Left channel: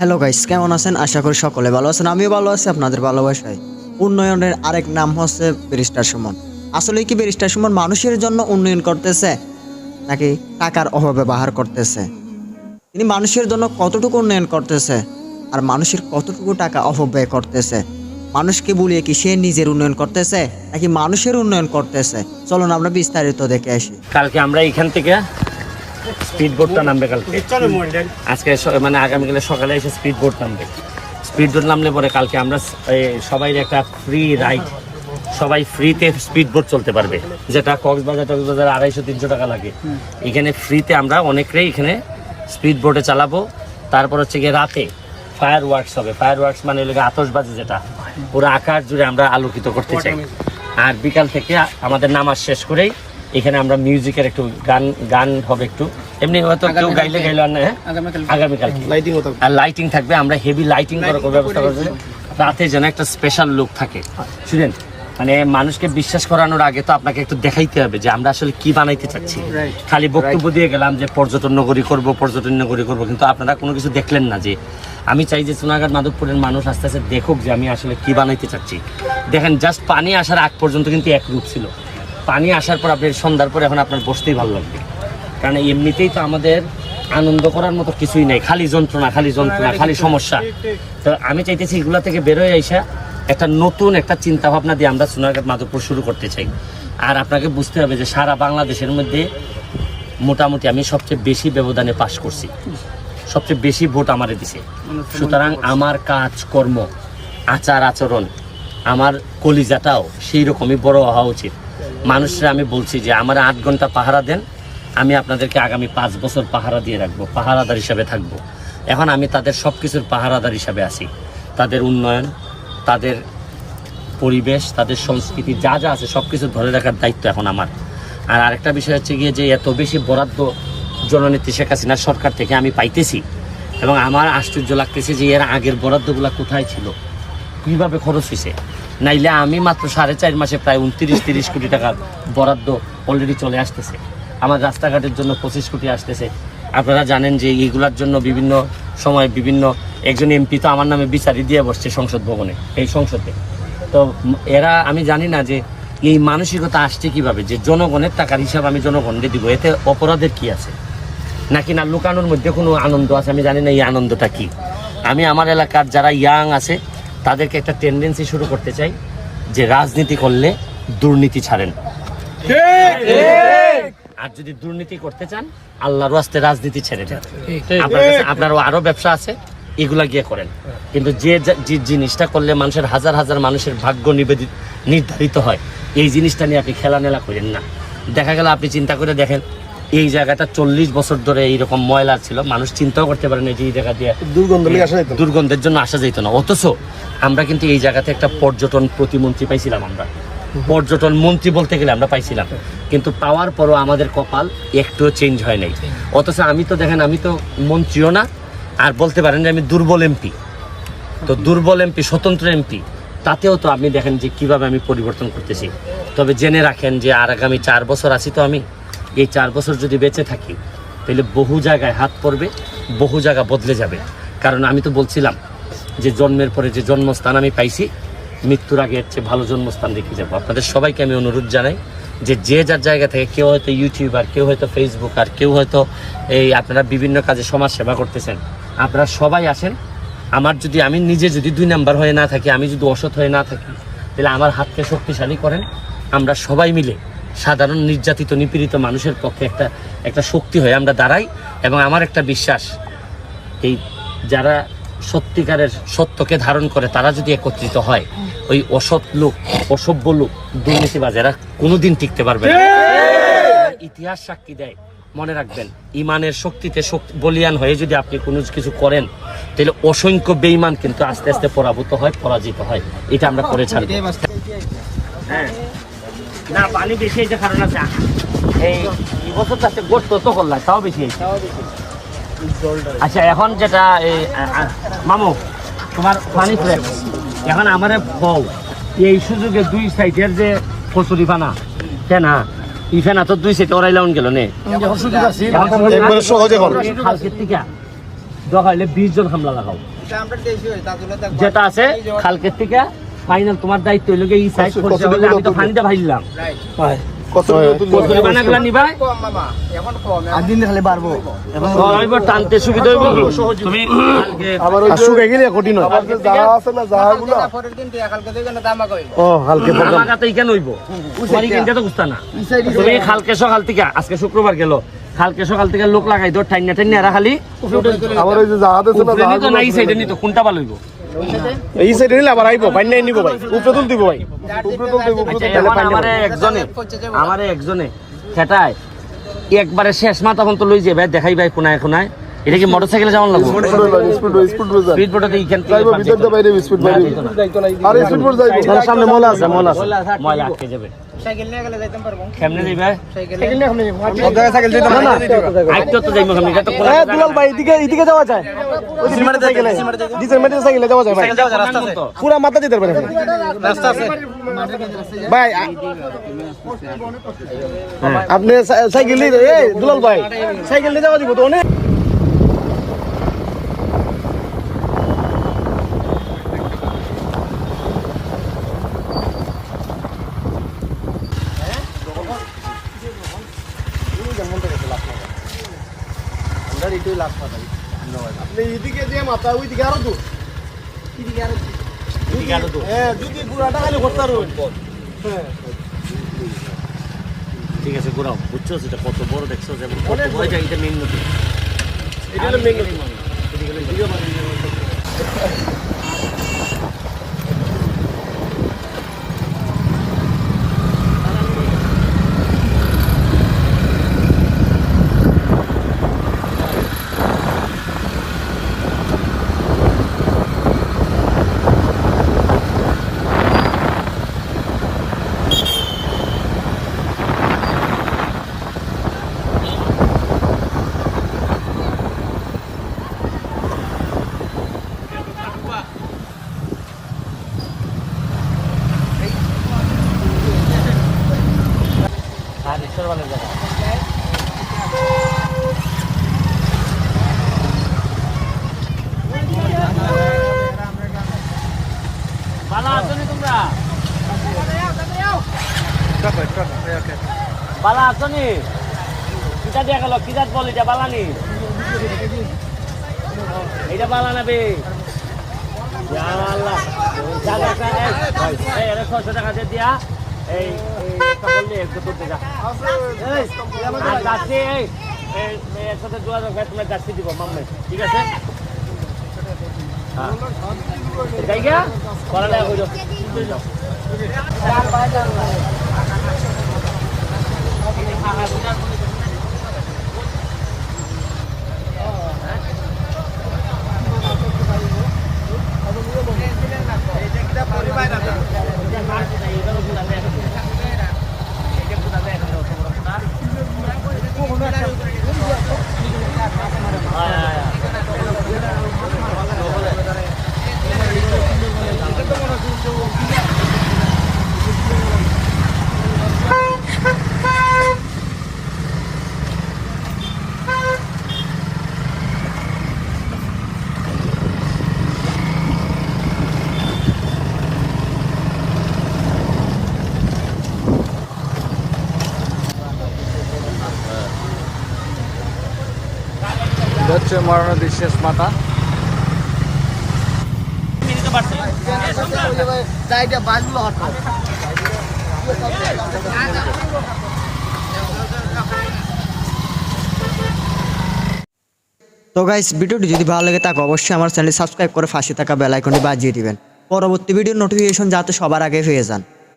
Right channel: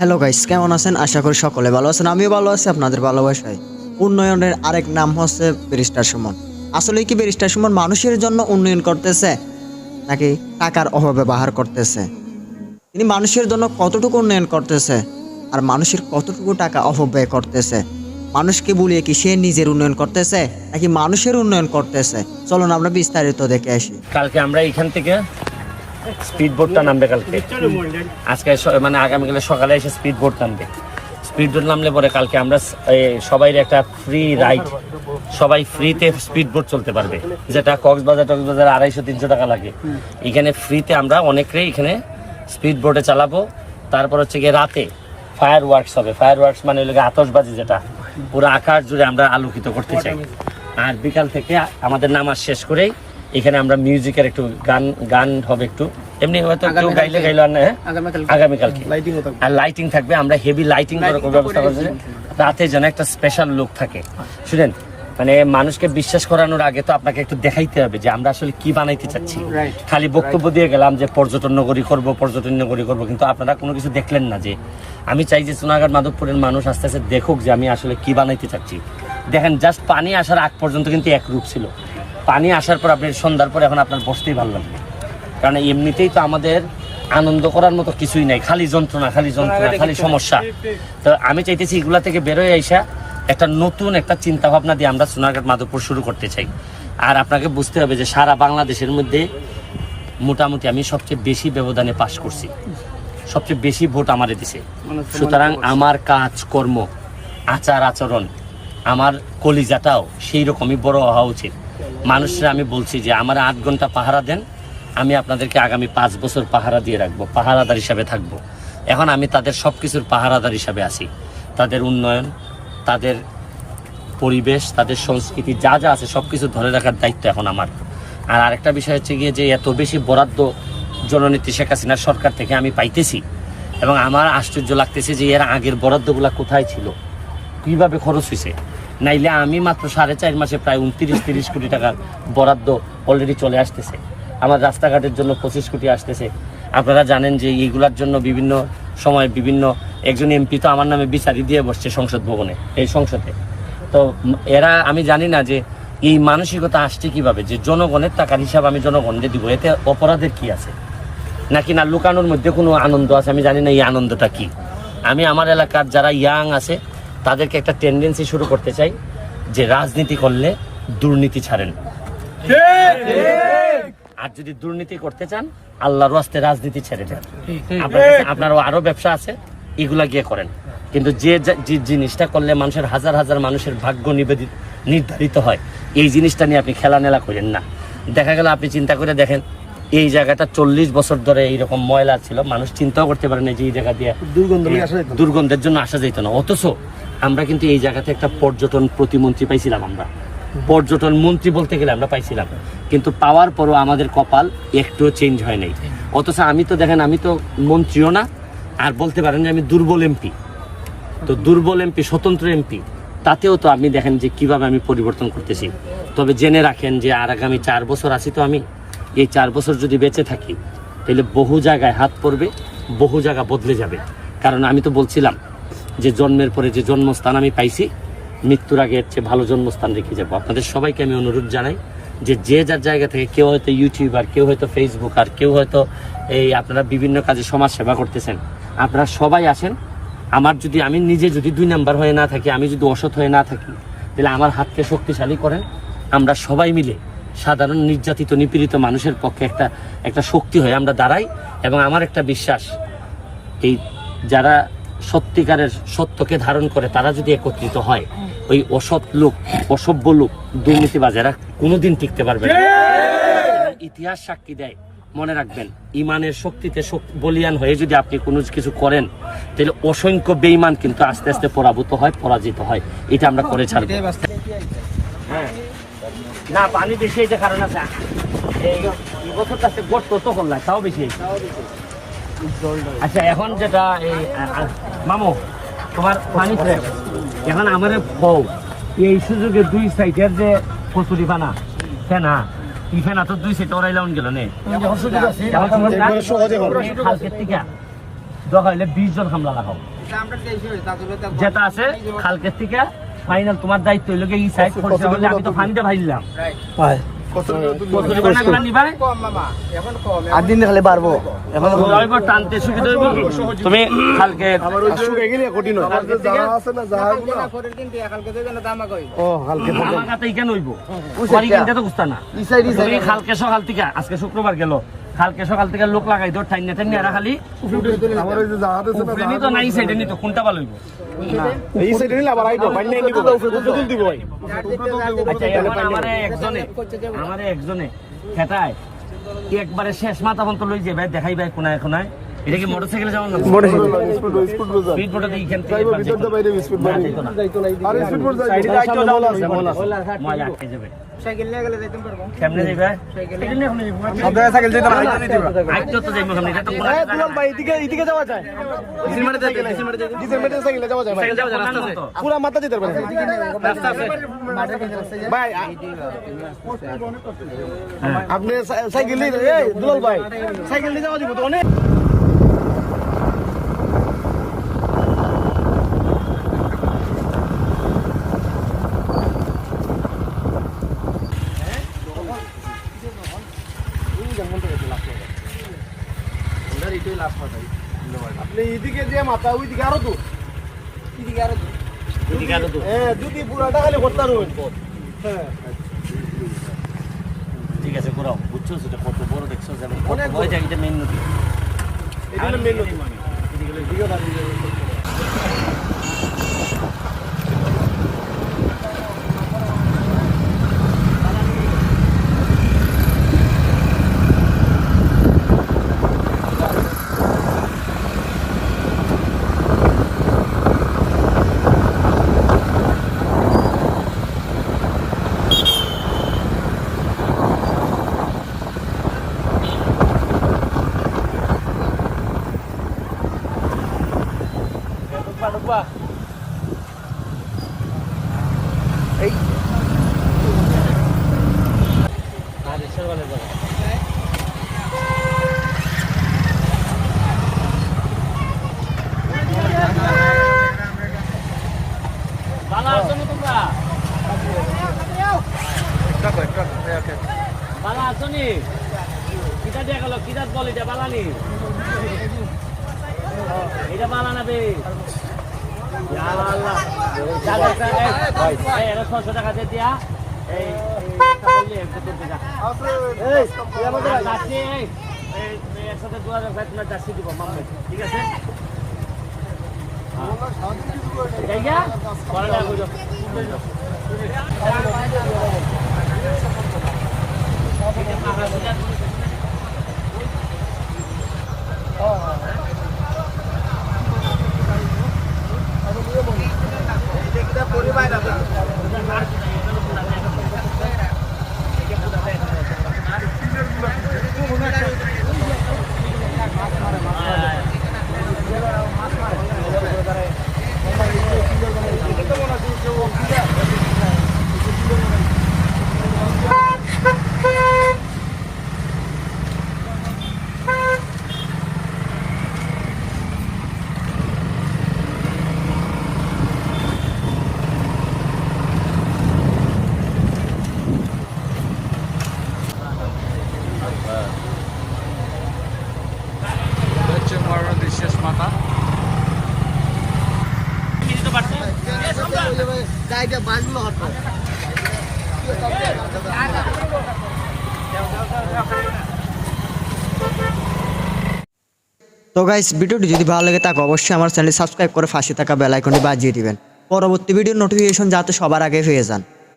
Hello guys কেমন আছেন? আশা করি সকলে ভালো আছেন। আমিও ভালো আছি, আপনাদের ভালোবাসায়। উন্নয়নের আরেক নাম হচ্ছে ব্যারিস্টার সুমন। আসলে কি ব্যারিস্টার সুমন মানুষের জন্য উন্নয়ন করতেছে, নাকি টাকার অভাবে ব্যবহার করতেছে? তিনি মানুষের জন্য কতটুকু উন্নয়ন করতেছে, আর মানুষের কতটুকু টাকা অপব্যয় করতেছে? মানুষকে বলিয়ে কি সে নিজের উন্নয়ন করতেছে, নাকি মানুষের উন্নয়ন করতেছে? চলুন আমরা বিস্তারিত দেখে আসি। কালকে আমরা এখান থেকে স্পিড বোটটা নামবে কালকে। আজকে মানে আগামীকালে সকালে এসে স্পিড বোট নামবে। স্পিড বোট নামলে পরে কালকে আমরা সবাই একটা ফ্রি রাইড সবাই ফ্রিতে স্পিড বোট চলতে পারবে। যেটা কক্সবাজার টক্সবাজার আড়াইশো তিনশো টাকা লাগে। এখানে ফ্রিতে আমরা অনেকটাই এখানে স্পিড বোটে চালাবো। তারপর হচ্ছে গিয়ে রাতে ফায়ার ওয়ার্কস হবে। ফায়ার ওয়ার্কস মানে হলো গিয়ে আতশবাজি যেটা। পুরো আকাশ জুড়ে আমরা আলোকিত করতে চাই। আর বিকাল থেকে আমাদের নামাজ শেষ করেই এখানে আমরা মিউজিকের একটু গান গান হবে একটু। এমনি হয়তো কেউ গাইলে গাইলে আর না হ্যাঁ? আগামীকাল আর লাইটিং থাকবে আমরা হেভি লাইটিং করার ব্যবস্থা করছি। রাতে যেন একটা স্পেশাল লুক থাকে। শুনেন মানে মানুষকে বিশ্বাস করানোর আগে তো আপনাকে একটু দেখাইতে হবে যে আমরা আসলে কি বানাইতে চাচ্ছি। খালি বক্তব্য দিয়ে গেলাম যে পর্যটন নগরী করব পর্যটন নগরী করব কিন্তু আপনারা কোনো কিছু দেখলেন না যে আমি চাই যে সোনাঘাট মাধবপুরের মানুষ আস্তে আস্তে দেখুক যে আমি আসলে কি বানাইতে চাচ্ছি। দেখেন জাস্ট পানি আসার আগ পর্যন্ত কিন্তু এক রূপ ছিল। পানি আসার পর আপনি সন্ধ্যার পর এখন আপনার বসতেই ভালো লাগবে। কারণ এমনিতেই তো আমাদের আনন্দ করার মতো কিছুই নাই। খালি যন্ত্রণা খালি যন্ত্রণা, খালি সমস্যা। তো আমি চাইতেছি এগুলা থেকে বেরোয় আইসা একটা নতুন একটা চিন্তা ভাবনা দিয়ে আমরা সোনারঘাট মাধবপুর শুরু করতে চাই। আর আপনাকে বুঝতে হবে যে সারা বাংলাদেশের মধ্যে মোটামুটি আমি সবচেয়ে বেশি ব্যবধানে পাশ করছি। সবচেয়ে বেশি ভোট আমারে দিছে। সুতরাং আমার কাজ কর্ম আচার আচরণ, আমার কলিজাটাও সেই রকমই বড় হওয়া উচিত। মানুষরা, আমি বলছি যে আমার আট ঘণ্টা পাহারা দেন, আমি আপনাদেরকে আগামী পাঁচ বছর পাহারা দিয়ে রাখব, পাহারাদার হিসাবে থাকব। এখন আমি তাদের সব কিছুর পাহারাদার হিসাবে আছি। তাদের উন্নয়ন, তাদের পরিবেশ, তাদের সংস্কৃতি, যা যা আছে সব কিছু ধরে রাখার দায়িত্ব এখন আমার। আর আরেকটা বিষয় হচ্ছে গিয়ে যে এত বেশি বরাদ্দ জননেত্রী শেখ হাসিনার সরকার থেকে আমি পাইতেছি, এবং আমার আশ্চর্য লাগতেছে যে এর আগের বরাদ্দগুলা কোথায় ছিল, কীভাবে খরচ হয়েছে। নাইলে আমি মাত্র সাড়ে চার মাসে প্রায় উনত্রিশ, তিরিশ কোটি টাকার বরাদ্দ অলরেডি চলে আসতেছে। আমার রাস্তাঘাটের জন্য পঁচিশ কোটি আসতেছে। আপনারা জানেন যে এইগুলার জন্য বিভিন্ন সময় বিভিন্ন একজন এমপি তো আমার নামে বিচারি দিয়ে বসছে সংসদ ভবনে, এই সংসদে। তো এরা, আমি জানি না যে এই মানসিকতা আসছে কীভাবে, যে জনগণের টাকার হিসাব আমি জনগণকে দিব, এতে অপরাধের কি আছে? নাকি না লুকানোর মধ্যে কোনো আনন্দ আছে? আমি জানি না এই আনন্দটা কি। আমি আমার এলাকার যারা ইয়াং আছে তাদেরকে একটা টেন্ডেন্সি শুরু করতে চাই যে রাজনীতি করলে দুর্নীতি ছাড়েন। আর যদি দুর্নীতি করতে চান আল্লাহর আস্তে রাজনীতি ছেড়ে দেন। আপনার কাছে আপনারও আরও ব্যবসা আছে এগুলা গিয়ে করেন। কিন্তু যে যে জিনিসটা করলে মানুষের হাজার হাজার মানুষের ভাগ্য নিবেদিত নির্ধারিত হয় এই জিনিসটা নিয়ে আপনি খেলা নেলা করেন না। দেখা গেল আপনি চিন্তা করে দেখেন এই জায়গাটা চল্লিশ বছর ধরে এইরকম ময়লা ছিল মানুষ চিন্তাও করতে পারে না যে এই জায়গা দিয়ে দুর্গন্ধ। দুর্গন্ধের জন্য আসা যেত না। অথচ আমরা কিন্তু এই জায়গাতে একটা পর্যটন প্রতিমন্ত্রী পাইছিলাম আমরা। পর্যটন মন্ত্রী বলতে গেলে আমরা পাইছিলাম। কিন্তু পাওয়ার পরও আমাদের কপাল একটুও চেঞ্জ হয় নাই। অথচ আমি তো দেখেন আমি তো মন্ত্রীও না আর বলতে পারেন যে আমি দুর্বল এমপি। তো দুর্বল এমপি স্বতন্ত্র এমপি তাতেও তো আপনি দেখেন যে কীভাবে আমি পরিবর্তন করতেছি। তবে জেনে রাখেন যে আর আগামী চার বছর আছি তো আমি। এই চার বছর যদি বেঁচে থাকি, তাহলে বহু জায়গায় হাত পড়বে, বহু জায়গা বদলে যাবে। কারণ আমি তো বলছিলাম যে জন্মের পরে যে জন্মস্থান আমি পাইছি, মৃত্যুর আগে এর চেয়ে ভালো জন্মস্থান রেখে যাব। আপনাদের সবাইকে আমি অনুরোধ জানাই যে যে যার জায়গা থেকে কেউ হয়তো ইউটিউবার, কেউ হয়তো ফেসবুক আর কেউ হয়তো এই আপনারা বিভিন্ন কাজে সমাজ সেবা করতেছেন, আপনারা সবাই আসেন। আমার যদি, আমি নিজে যদি দুই নাম্বার হয়ে না থাকি, আমি যদি অসৎ হয়ে না থাকি, তাহলে আমার হাতকে শক্তিশালী করেন। আমরা সবাই মিলে সাধারণ নির্যাতিত, নিপীড়িত মানুষের পক্ষে একটা একটা শক্তি হয়ে আমরা দাঁড়াই এবং আমার একটা বিশ্বাস, এই যারা সত্যিকারের সত্যকে ধারণ করে, তারা যদি একত্রিত হয়, ওই অসৎ লোক, অসভ্য লোক, দুর্নীতিবাজ, এরা কোনোদিন টিকতে পারবে না। ইতিহাস সাক্ষী দেয়, মনে রাখবেন, ইমানের শক্তিতে শক্তি, বলিয়ান হয়ে যদি আপনি কোনো কিছু করেন, তাহলে অসংখ্য বেইমান কিন্তু আস্তে আস্তে পরাভূত হয়, পরাজিত হয়। এটা আমরা করে ছাড়বো। হ্যাঁ। না পানি বেশি হয়েছে কারণ আছে এই এই বছর তো গোট তো করলাম তাও বেশি হয়েছে আচ্ছা এখন যেটা এই মামু তোমার পানি এখন আমারে ফল এই সুযোগে দুই সাইডের যে কচুরি ফানা ফেনা ই ফেনা তো দুই সাইডে ওরাই লাউন গেল নে এখন সুযোগ না? একবারে সহজে হল। খালকের থেকে দরকার হলে বিশ জন হামলা লাগাও যেটা আছে কালকের থেকে ফাইনাল তোমার দায়িত্ব হইল এই সাইড করছে হলে আমি তো ফানিটা ভাইলাম বানাগুলা নিবাই এবার টানতে সুবিধা হইব? তুমি কালকে কালকে থেকে আমাকে তো ইখানে হইব। তোমার ইখানটা তো বুঝতা না। তুমি কালকে সকাল থেকে আজকে শুক্রবার গেল। কালকে সকাল থেকে লোক লাগাই টাইনা টাইনা এরা খালি উপরে নিত না সাইডে নিত কোনটা ভালো হইব। এই সাইডে নিলে আবার আইবো বাইন নাই নিব ভাই। উপরে তুল দিব ভাই। আচ্ছা এখন আমারে একজনে আমারে একজনে সেটাই একবারে শেষ মাথা পর্যন্ত লই যাবে দেখাই ভাই কোনায় কোনায়। এটা কি মোটরসাইকেলে যাওয়ার লাগবে? স্পিড বোটে এইখান থেকে না, যাইতো না। সামনে মলা আছে মলা আছে। ময়লা আটকে যাবে। কেমনে যাইবা? আইতো তো যাইবো কেমনে এটা তো কোনা এ দুলাল ভাই এদিকে এদিকে যাওয়া যায়। ডিজেল মেটে সাইকেলে যাওয়া যায় ভাই। পুরা মাথা দিতে পারে রাস্তা আছে। ভাই আপনি সাইকেল নিয়ে এই দুলাল ভাই সাইকেল নিয়ে যাওয়া দিব তো অনেক। দিয়ে মাথা ওইদিকে আরও দূর। এদিকে আরও তো। এ যদি পুরাটা খালি করতে পারো ঠিক আছে ঘোরাও। বুঝছ সেটা কত বড় দেখছ যেমন কত বড়। এটা মেন নদী। আর ঈশ্বর বলে জায়গা ভালো আছো নি তোমরা বালা আছো নি কিতা দিয়া গেল? কিতাত বল এটা বালা নি? এটা বালা না বে? এই, ভাই, এই, ছশো টাকা দিয়ে দিয়া। এই এই আর যাচ্ছি এই এই এই একসাথে যোগাযোগ ভাই তোমার যাচ্ছি দিব মাম্মাই ঠিক আছে? হ্যাঁ যাই গা পড়ালেখা করো যাও Hindi nakakagulan. হচ্ছে মরণের শেষ মাথা। তো গাইস ভিডিওটি যদি ভালো লাগে তাকে অবশ্যই আমার চ্যানেল সাবস্ক্রাইব করে ফাঁসি থাকা বেল আইকনটি বাজিয়ে দিবেন। পরবর্তী ভিডিওর নোটিফিকেশন যাতে সবার আগে পেয়ে যান।